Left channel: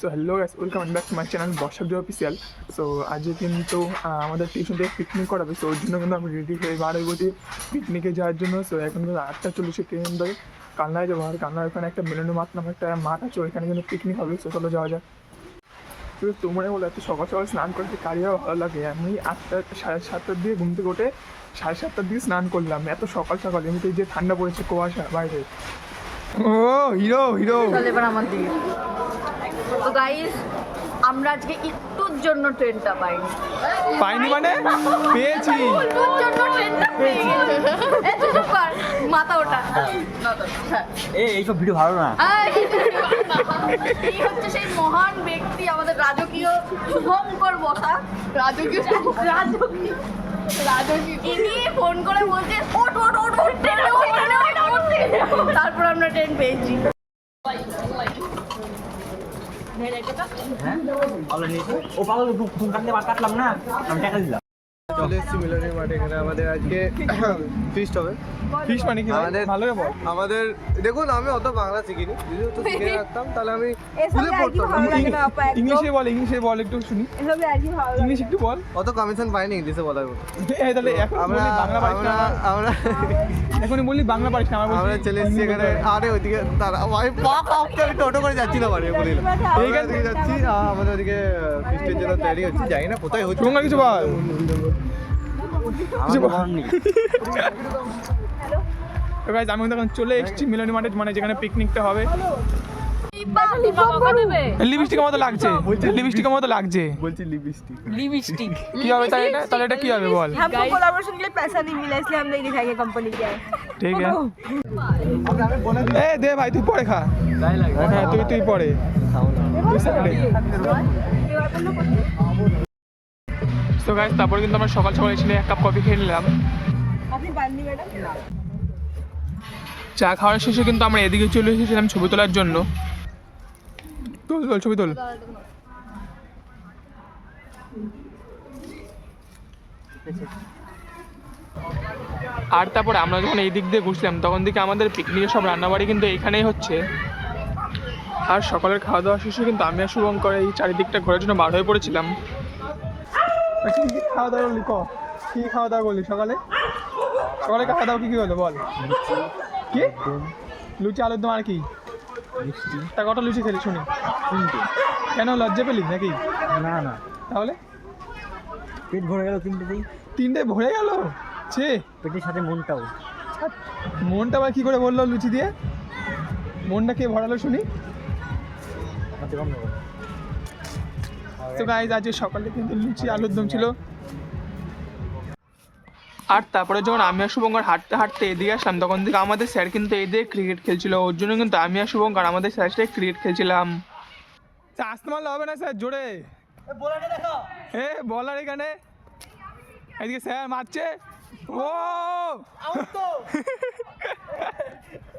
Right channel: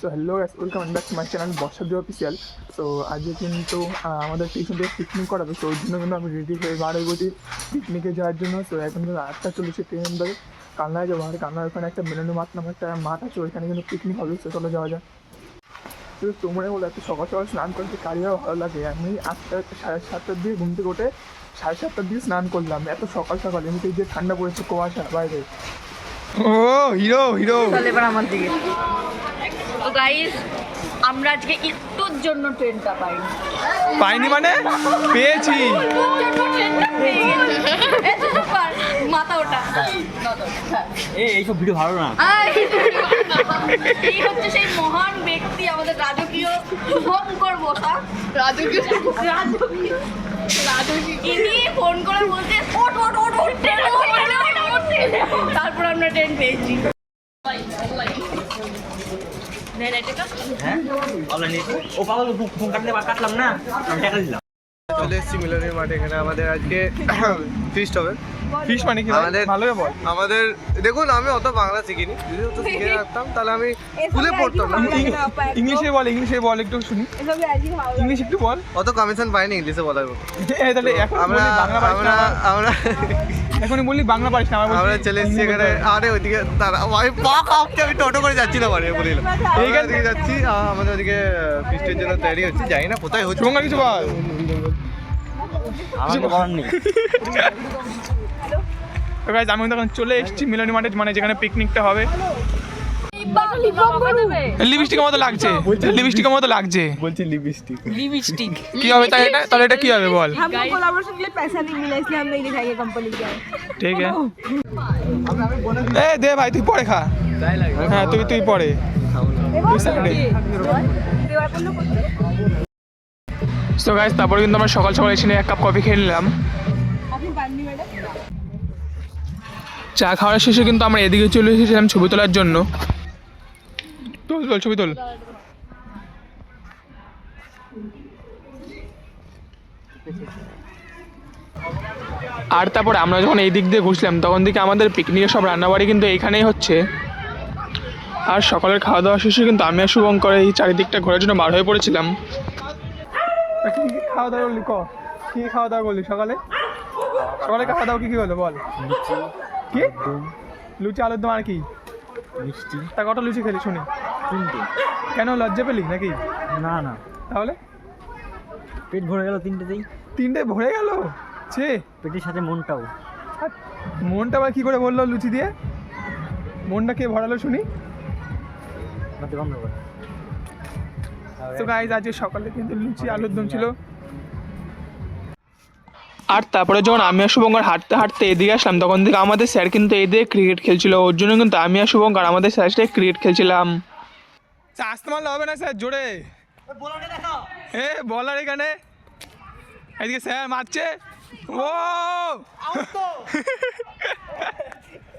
So hello guys welcome back to my channel Barshab Joy official so আজকে কিন্তু আমাদের tuition থেকে picnic করাবে। সো ওর জন্য কিন্তু আমি রেডি হয়ে বার হয়ে গেছি পিকনিকে যাওয়ার জন্য। সো এখন কিন্তু আটটা চল্লিশে ট্রেন ধরে কালনায় যাব। আর কালনার ওখানে একটা মেলেন্ডু মাঠ নামে একটা মাঠ আছে ওইখানে কিন্তু পিকনিক হবে। সো চলো যাওয়া যাক। তো তোমরা বলে এত সকাল সকাল স্নান করতে কারিয়া ভালো লাগে? আমি আটটা সাড়ে সাতটার দিকে ঘুম থেকে উঠে সাড়ে সাতটার দিকে স্নান করলাম। এত সকাল সকাল এমনিতে যে ঠান্ডা পড়েছে কুয়াশা বাইরে। ও হিরো হিরো। আমার দিকে। তো গাইস আমরা আজকে একটুর জন্য ট্রেনটা পাইনি। পাইনি মানে? পেয়েছি। মাথা ওটা। এইসব ভিডিও ভালো না। এই হচ্ছে সেই মহান ব্যক্তি আমাদের রাজকীয় শুভঙ্কর বসা। রাজকীয় রাজকীয়। ইনি ফোন করে বলছে ওঠ ট্রেনে ওঠ ট্রেনে ওঠ। তারপর আমরা ট্রেন পেয়েছি। হ্যাঁ? অনলাইনে ও পাগল কাটলে কাটলাম না। টাকা দিলাম। চলে এসেছি মিলনের মাঠে এখানে। আমাদের আজকে ফিস্ট হবে। ফিশ মানে কি আমাদের ভালো করে বল। আমাদের দেখুন আমি অত বাংলা শিখিনি। যদি অত শিখে রাখতাম তাহলে আমি স্কুলে পড়তাম। ইংলিশে বল ইংলিশে বল একটু শুনি। ইংলিশ একটু বল। অত কমিশন পাইনি ইংলিশে বলার মতো। তাহলে আমরা আমরা আমরা এখনই বললি বাংলা পারিস না আমরা চলে এসেছি এখানে। আরে ওইদিকে দাঁড়া। আমি পা কাঁপছে আমি টোটো করে যাচ্ছি না বাড়ি বলিলাম এইখান এইখান যাচ্ছি। আমাদের ওদিকে ফিস্টের জন্য তৈরি হচ্ছে। জানি না কোথায় হচ্ছে। কিছু আমি তখন চলে এসেছি মিলনী মাঠে মানে যেখানে পিকনিকটা হবে লিপস্টিকের মতো লাগছে লিপস্টিকের মতো লাগছে বলছি লিপস্টিক কি হবে তাহলে এটা তাহলে এটা কি হবে বল हमको कोलैबोरेशन के लिए पैसा नहीं मिला इसलिए हम नहीं दिखाएंगे कंपनी क्या है ঠিক আছে এ দে ভাই তুই পরে খা হ্যাঁ তুই তুই পরে তুই সাইডে সো গাইস তারপরে কিন্তু আমরা সকাল সকাল এসে এক কাপ কফি খেয়ে নিলাম। চা খাওয়ার শেষে কিন্তু আমরা এদিকে চলে এসেছিলাম ছবি তোলার জন্য। তোল তোল ছবি তোল। আর তারপর আমরা যখন এই দিক দিয়ে ঘুরছিলাম তখন দিকে আমাদের পিকনিকের সব রান্নাবাড়ি কিন্তু এইখানেই হচ্ছে। আর সকালের খাওয়া দাওয়া শেষে কিন্তু আমি আর শুভঙ্কর এই চারিদিকটা ঘোরার জন্য বার হয়ে পড়েছিলাম। খাওয়া দাওয়া করলি? ক? কি খাওয়া দাওয়া করলি সকালে? সকালে খাওয়া দাওয়া কি কি হলো বল? কি? লুচি আলুর দম আর কি? মিষ্টি। তা কটা লুচি খেলি শুনি। তিনটে। কেন লজ্জা পেলি নাকি? না না। তাহলে? পেট ভরে গেল তিনটেতেই। তিনটে ভরে গেল? ছে। পেটের সাথে মনটাও। মনটা আবার কি করে বলল লুচি দিয়ে? মনটা কে ভরালো শুনি? তো গাইজ আজকে সকালে কিন্তু লুচি আলুর দম ছিল। আর তারপরে যখন আমি আর শুভঙ্কর হাঁটতে হাঁটতে এদিকে আসলাম তখন থেকে আমাদের স্যার কিন্তু এদিকে ক্রিকেট খেলছিল। ওর জন্য কিন্তু আমি আর শুভঙ্কর আমাদের স্যার সাথে ক্রিকেট খেলছিলাম। আসতে মারলে হবে না স্যার জোরে। এ বলার এখানে। এদিকে স্যার মারছে। ও!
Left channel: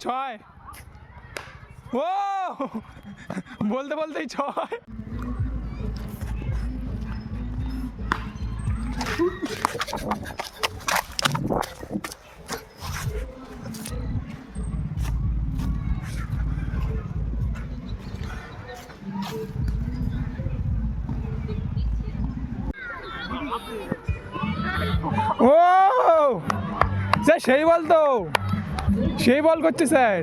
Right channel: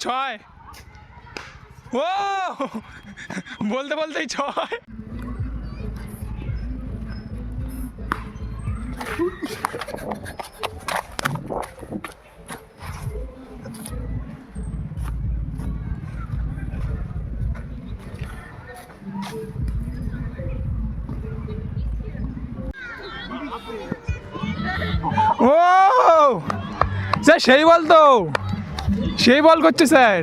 ছয় ও বলতে বলতেই ছয় ও স্যার সেই বল তো। সেই বল করছে স্যার।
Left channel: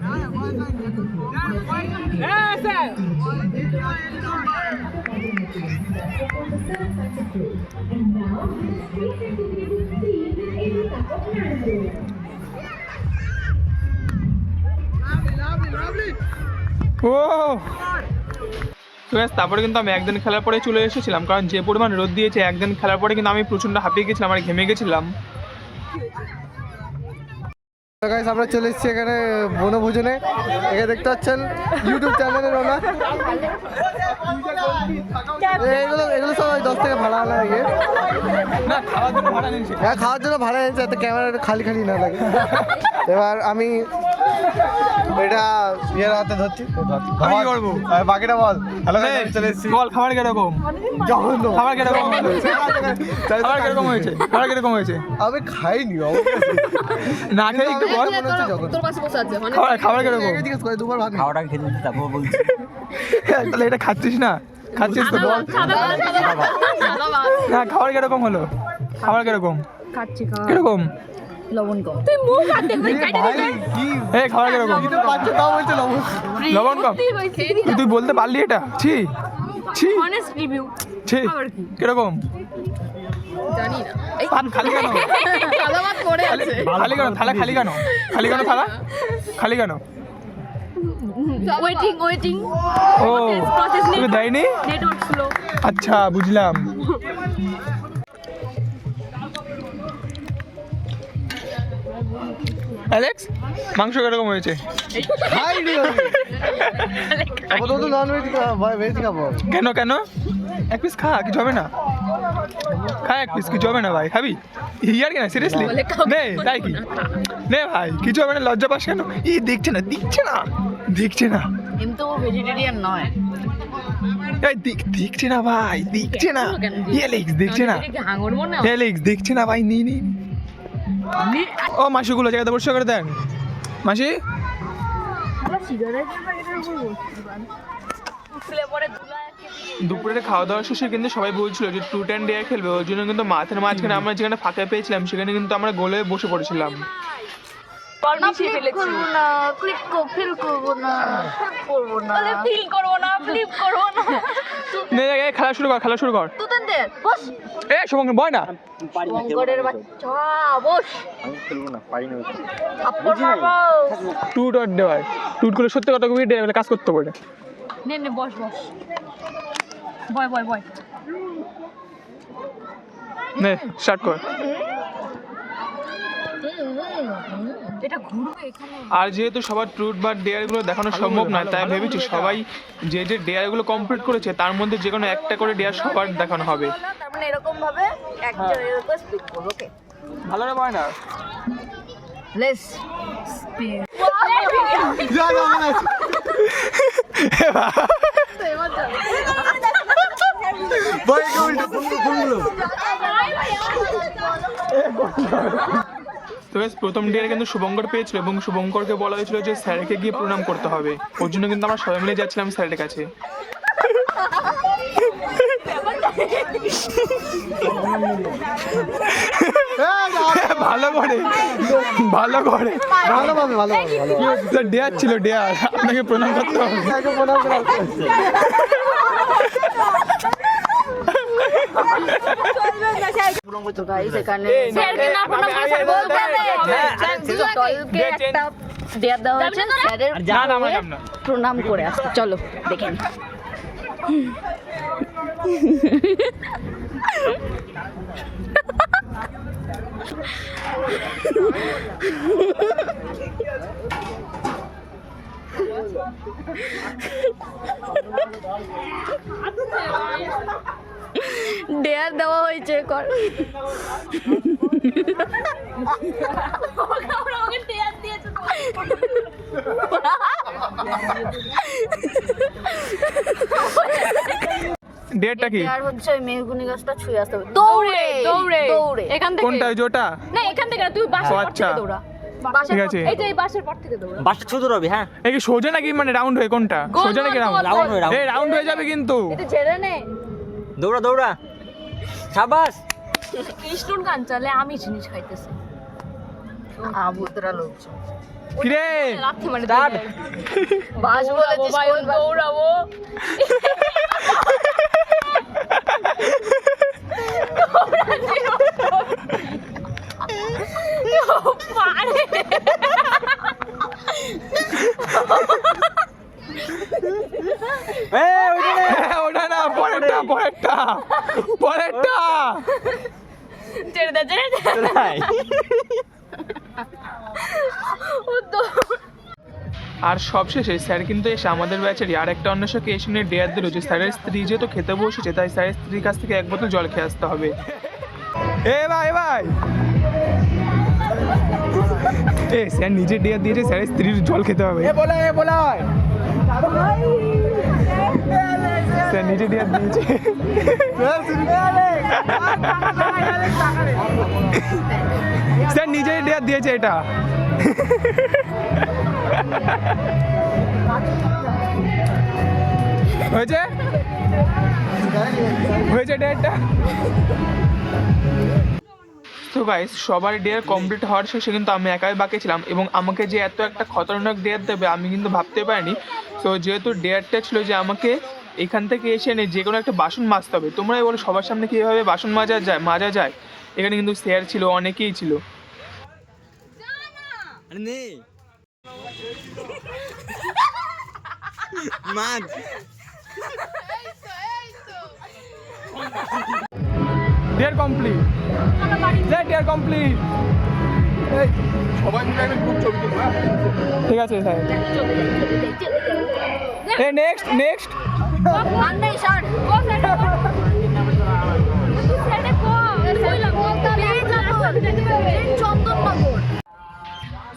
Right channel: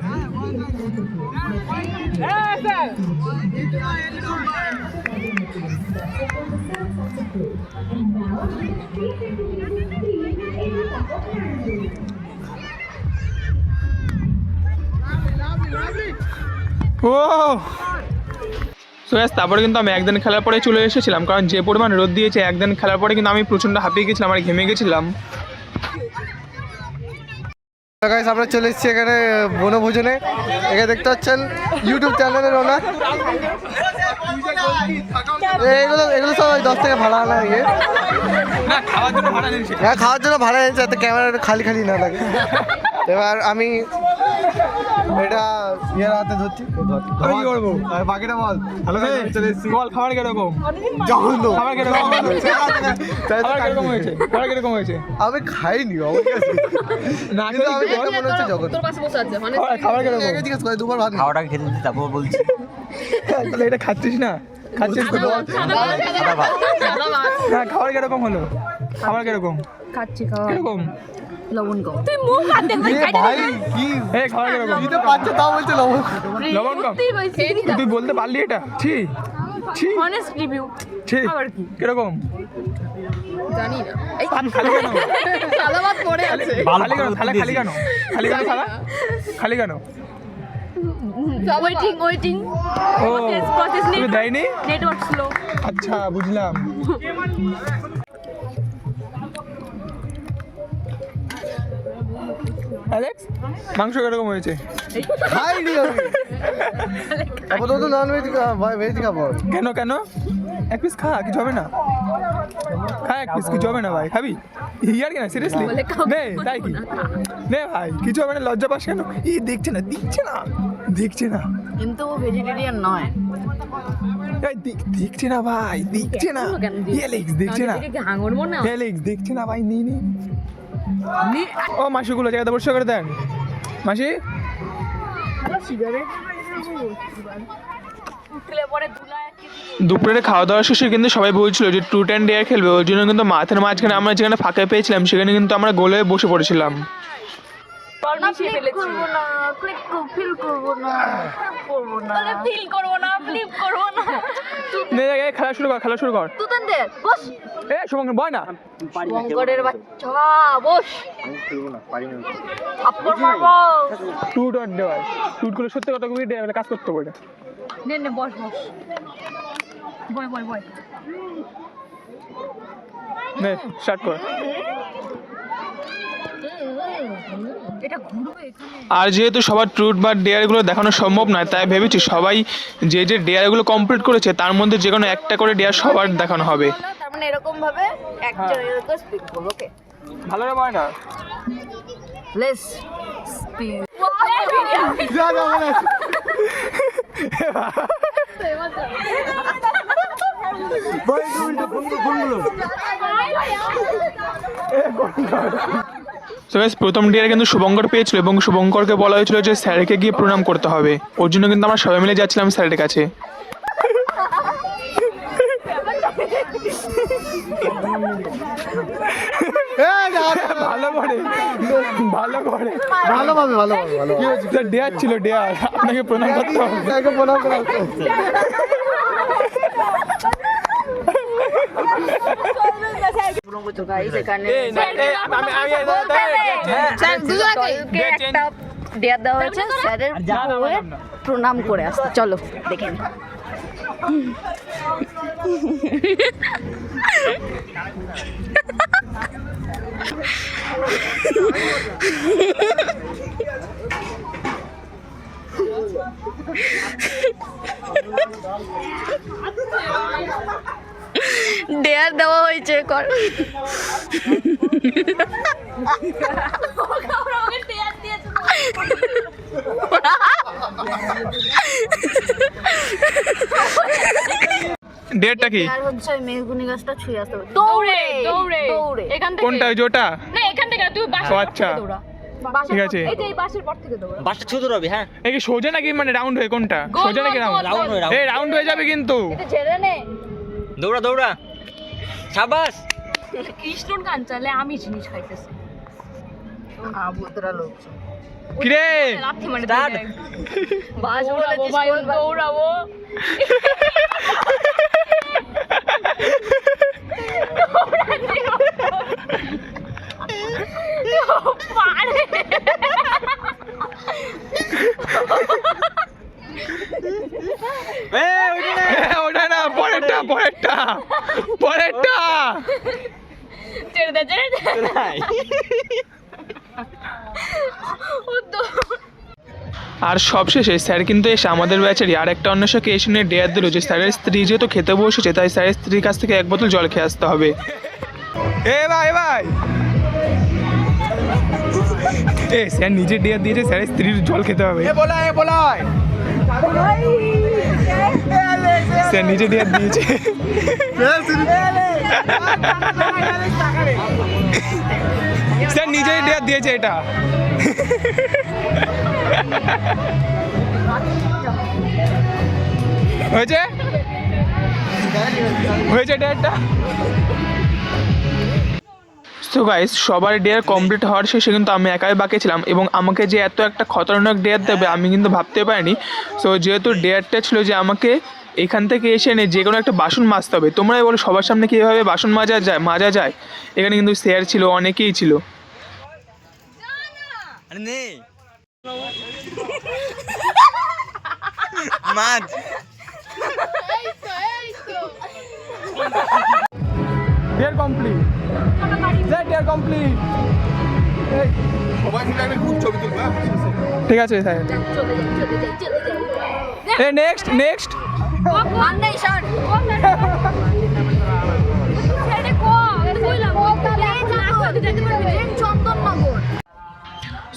ও। yes, তারপরে কিন্তু আমি একদিন খেলার পরে চলে এসেছিলাম কারণ যে পরিমাণ রোদ দিয়েছে একদিন খেলার পরে কিন্তু আমি প্রচণ্ড হাঁপিয়ে গেছিলাম আর ঘেমে গেছিলাম। গাইস আমরা চলে এসেছি এখানে বনভোজনে। এখানে দেখতে পাচ্ছেন ইউটিউব চ্যানেলের ওনার এগুলো এগুলো সব দশ থেকে ভাড়া আনা ইয়ে খাওয়ার জন্য ভাড়া নিয়েছে। খাওয়ার জন্য ভাড়া এনেছে যাতে ক্যামেরাটা খালি খালি না লাগে। এবার আমি এটা ইয়ের হাতে ধরছি। আমি কি করব? হ্যাঁ, বাকিটা বল। হ্যালো বল খাবার কীরকম? জঘন্য। খাবার কীরকম? খাবার কীরকম হয়েছে। খাবার কীরকম হয়েছে? আমি খাইনি অবশ্যই না কিন্তু আমি দেখে মনে হচ্ছে জঘন্য। খাবার খাবার কীরকম? আগে জিজ্ঞেস করে দুবার ভাত খাওয়াটা খেতে দিতে তারপর বলছি। তাহলে এটা খাচ্ছিস না? খাচ্ছিস তো বল। না খাবার কীরকম হলো? খাবার কীরকম? খাচ্ছি খাওয়া। কীরকম? লবণ কম তুই মুখ এই লবণ। কম। বলতে পারলি এটা? ছি। ছি। অনেস্ট রিভিউ ছি। কীরকম? জানি না। ভাত খালি কেন? পড়ে খালি খালি কেন? থালা খালি কেন? খালি কেন থালা? খালি কেন? Waiting waiting. ও Process, process দেয়নি? নেটওয়ার্ক স্লো আচ্ছা বুঝলাম। অ্যালেক্স মাংস কীরকম হয়েছে? খাইনি আপাতত তো নন ভেজ ভেজ খাব কেন কেন? এক পিস খা কিছু হবে না। খা এক পিস কিছু হবে না ভাই খাবি? ইয়ার কেন সিরিয়াসলি নে তাই কি? নে ভাই কিছু হবে না লজ্জা পাস কেন? ই দেখছে না দেখছে না দেখছে না। কিন্তু ভেজিটেরিয়ান নয়। দেখ- দেখছে না ভাই দেখছে না। এলেক্স দেখছে না। এলেক্স দেখছে না ভাই নি নি। ও মাসিগুলো জায়গাতে পরিষ্কার করে দেন। মাসি? দুপুরে খাওয়া দাওয়া শেষে কিন্তু সবাই বলছিল যে টু টেন ডে খেলবে ওই জন্য কিন্তু মাথার মাঝখানে আমরা যেখানে ফাঁকে পেয়েছিলাম সেখানে কিন্তু আমরা গোলে বসে পড়েছিলাম। ফিল করব না ফ্লিপ করব না। খেলা শুরু কর খেলা শুরু কর। তুতেন দে বস। এ শুভঙ্কর বয় না। পারি না খেলব গড়ের বাচ্চা বস। খেলব না পারি না থাপ্পড় মারবো টুট অর দেওয়ার। টুট করে সত্যি কথা কবি কাজ করতে পারে নে নে বস বস। বয় বয় বয়। নে স্টার্ট কর। আর যেহেতু সবার ট্রুট বা ডেয়ারগুলো দেখানো সম্ভব নয় তাই ভেবেছি সবাই যে যে ডেয়ারগুলো কমপ্লিট করেছে তার মধ্যে যে কোনো একটা করে ডেয়ার সবার দেখানো হবে। তার মানে এরকম ভাবে একজনের উপর স্পিড করব ওকে ভালো রে বয় না লেস স্পিড তো guys, প্রথম ডিয়ারে কিন্তু শুভঙ্কর পেয়েছিল এবং শুভঙ্করকে বলা হয়েছিল যে স্যারকে গিয়ে প্রণাম করতে হবে। ওর জন্য কিন্তু আমরা সবাই মিলে যাচ্ছিলাম স্যারের কাছে। ভালো করে ভালো করে। ভালো ভালো পাবে ভালো ডেয়ার ছিল ডেয়ার আপনাকে প্রণাম করতে হবে। প্রণাম একটা দেওয়া প্রণাম করে আসতে চলো দেখে। ডেয়ার দেওয়া হয়েছে কর। ডেয়ারটা কি? আর হচ্ছে ওই মেহগুনি গাছটা ছুঁয়ে আসতে হবে। দৌড়ে দৌড়ে দৌড়ে। এখান থেকে। কোনটা ওটা না এখান থেকে তুই আচ্ছা। ঠিক আছে। এই যে এই বাসের পর থেকে দৌড়া। বাসটা ছোট রবি হ্যাঁ? কি সোজা নাকি মানে রাউন্ড হয়ে কোনটা? সোজা নাকি রাউন্ড? রাউন্ড হয়ে রাউন্ড। হয়ে যাবে কিন্তু। একটু ছেড়ে নে। দৌড়া দৌড়া। সাবাস! কৃষ্ণর গান চলে আমি জিনিস খাইতেছি। আবুতরা লোক কিরে? লাথি মানে বাস বলেছিস ভাই দৌড়াবো। এই, ওইটা না। হ্যাঁ, ওটা না পরেরটা। পরেরটা। ছেড়ে দে ছেড়ে আর সবশেষে স্যার কিন্তু এসে আমাদের ব্যাচেরই আর একটা অন্বেষকে এসে নিয়ে ডেয়ার দিল যে স্যারের স্ত্রী যেহেতু খেতে বসেছে তাই স্যারের স্ত্রীর কাছ থেকে এক বোতল জল খেয়ে আসতে হবে। এ ভাই ভাই। এ স্যার নিজে ডেয়ার দিয়েছে স্যারের স্ত্রীর জল খেতে হবে। স্যার নিজে ডেয়ার দিয়েছে স্যার নিজেই ডেয়ার দিয়েছে এটা। হয়েছে? হয়েছে ডেয়ারটা তো গাইস সবার ডেয়ার কমপ্লিট হওয়ার শেষে কিন্তু আমি একাই বাকি ছিলাম এবং আমাকে যে এত একটা খতরনাক ডেয়ার দেবে আমি কিন্তু ভাবতে পারিনি। সো যেহেতু ডেয়ারটা ছিল যে আমাকে এখান থেকে এসে এনে যে কোনো একটা বাসন মাজতে হবে। তোমরাই বলো সবার সামনে কীভাবে বাসন মাজা যায় মাজা যায়। এখানে কিন্তু স্যার ছিল অনেকেই ছিল। আরে নে। মাছ dare complete sir dare complete ঠিক আছে sir. Next next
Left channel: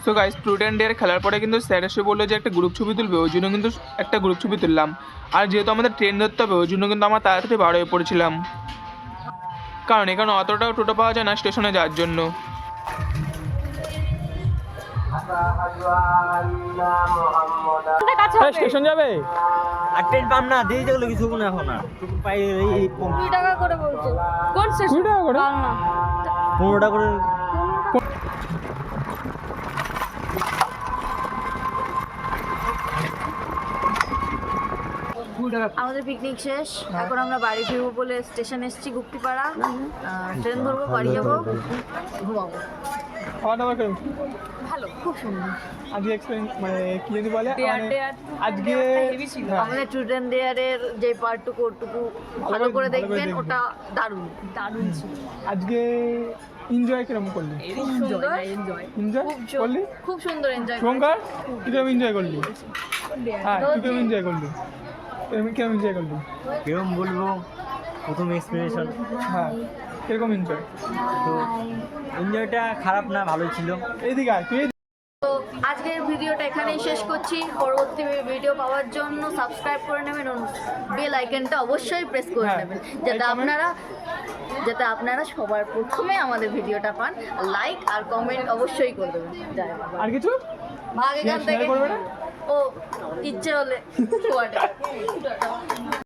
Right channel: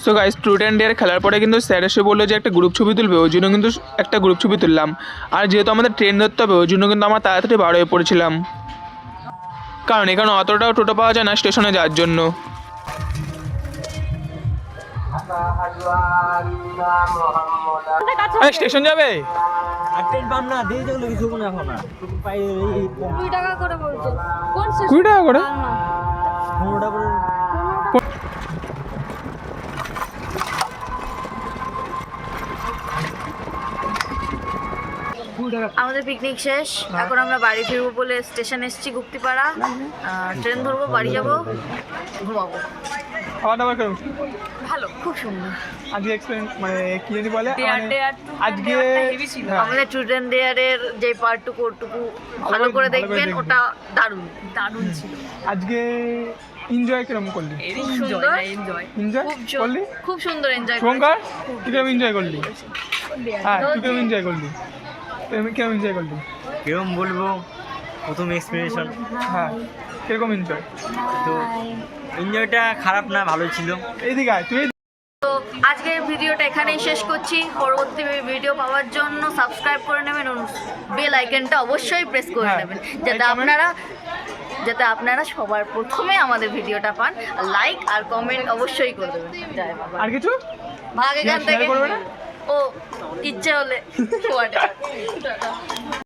so guys student ডের খেলার পরে কিন্তু স্যার এসে বলল যে একটা গ্রুপ ছবি তুলবে, ওই জন্য কিন্তু একটা গ্রুপ ছবি তুললাম। আর যেহেতু আমাদের ট্রেন ধরতে হবে, ওই জন্য কিন্তু আমরা তাড়াতাড়ি বার হয়ে পড়েছিলাম। কারণ এখানে অতটাও টোটো পাওয়া যায় না স্টেশনে যাওয়ার জন্য। স্টেশন যাবে? আর পাম না দিয়ে যেগুলো কিছু না। এখন না কুড়ি টাকা করে বলতো কোন কুড়ি টাকা করে? পনেরোটা করে আমাদের পিকনিক শেষ। এখন আমরা বাড়ি ফিরবো বলে স্টেশন এসেছি গুপ্তিপাড়া। ট্রেন ধরবো বাড়ি যাব ঘুমাবো। খাওয়া দাওয়া কেমন ভালো খুব সুন্দর। আজকে এক্সপিরিয়েন্স মানে কি জানি বলে মানে আজকে হ্যাঁ, আমাদের স্টুডেন্ট ডেয়ারের যে পার্টটুকু ওটুকু ভালো করে দেখবেন ওটা দারুণ। দারুণ ছিল। আজকে এনজয় কীরকম করলি? খুব সুন্দর? এনজয় খুব করলি? খুব সুন্দর এনজয় শুভঙ্কর তুই কীরকম এনজয় করলি? হ্যাঁ তুই কীরকম এনজয় করলি? কীরকম এনজয় করলি? কিরম বলব? প্রথম এক্সপিরিয়েশন হ্যাঁ। কীরকম এনজয় তো এনজয়টা খারাপ না ভালোই ছিল। এইদিকে আয় তুই তো আজকের ভিডিওটা এখানেই শেষ করছি। পরবর্তী ভিডিও পাওয়ার জন্য সাবস্ক্রাইব করে নেবেন বেল আইকনটা অবশ্যই প্রেস করে হ্যাঁ, নেবেন। যাতে আপনারা যাতে আপনারা সবার প্রথমে আমাদের ভিডিওটা পান। লাইক আর কমেন্ট অবশ্যই করে দেবেন। আর কিছু? ভাগ এখান থেকে ও ইচ্ছে হলে.